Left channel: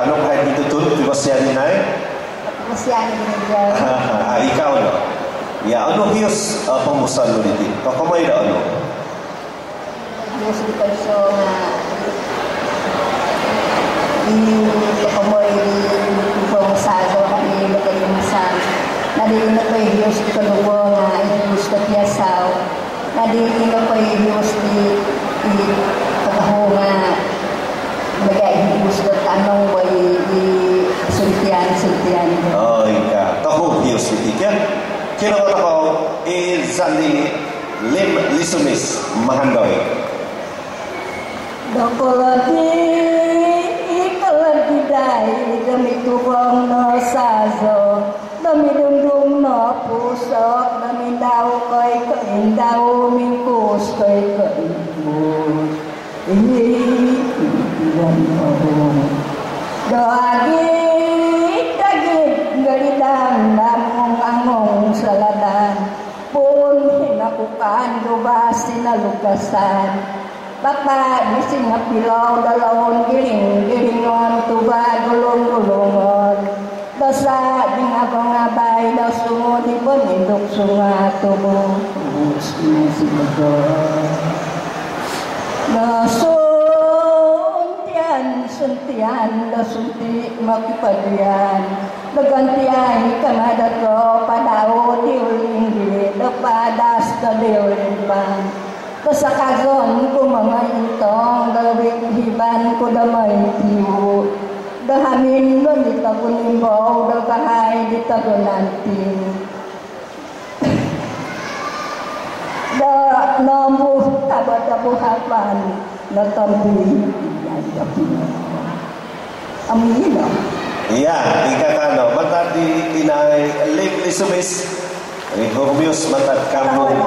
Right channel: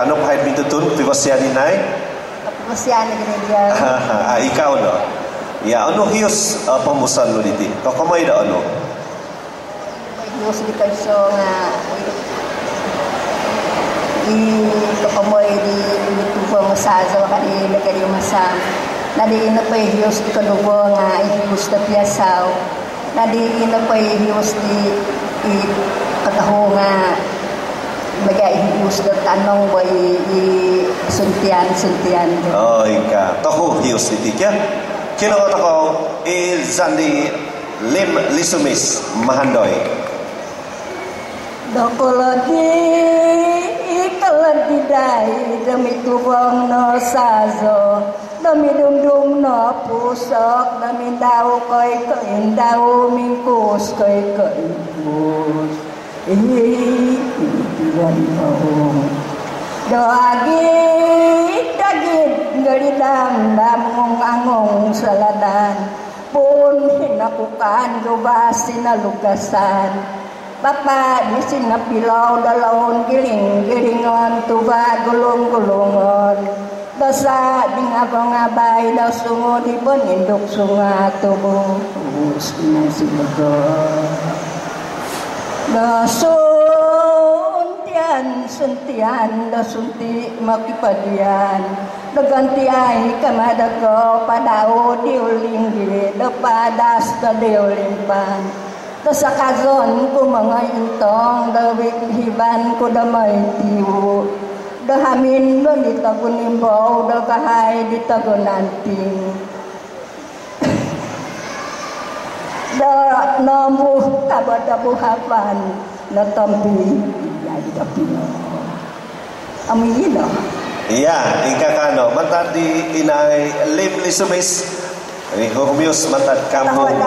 kanok hay bitutun pipasyan inay. Pipasyan gereja. Ikaw no. Ya ano hiyos pamusan lo diti. Kakamay da ano. Hiyos kita so nga kakamay di pamasazo kani nagari masam. Nadi na pa hiyos di kanubo nga hiyos na piyasaw. Nadi na pa hiyos di kataho nga bagay hiyos na tanong ba suntian. Oh ika. Taho hiyos diti kya. Kino ko zali lim lisumis mahandoy. Dokolodi ikaladi dai demi tubong no sazo demi dum no pusok demi dau koi dau mingkus koi bus iwan doagi dagit garidam damong angong saladan pun hinakukan dubas sinalugasan Bapak di singa pilau dalawon giling-gilingon tuba gulung-gulungon dosa di ngabang-ngabay daw sungo di peninduk sunga tubuh masih betul suntian da sunti makipadian da gantiai kamada ko padao diuling di da padas da diuling pan da sakazon ko mga intong da hiban ko da may tiwo da hamin do di tagunimbaw da kahay di tagunanting da namuh tabada buhapan na tambi amin no. Iya, ika kano matad di inay lim lisumis. Humius matad kampung.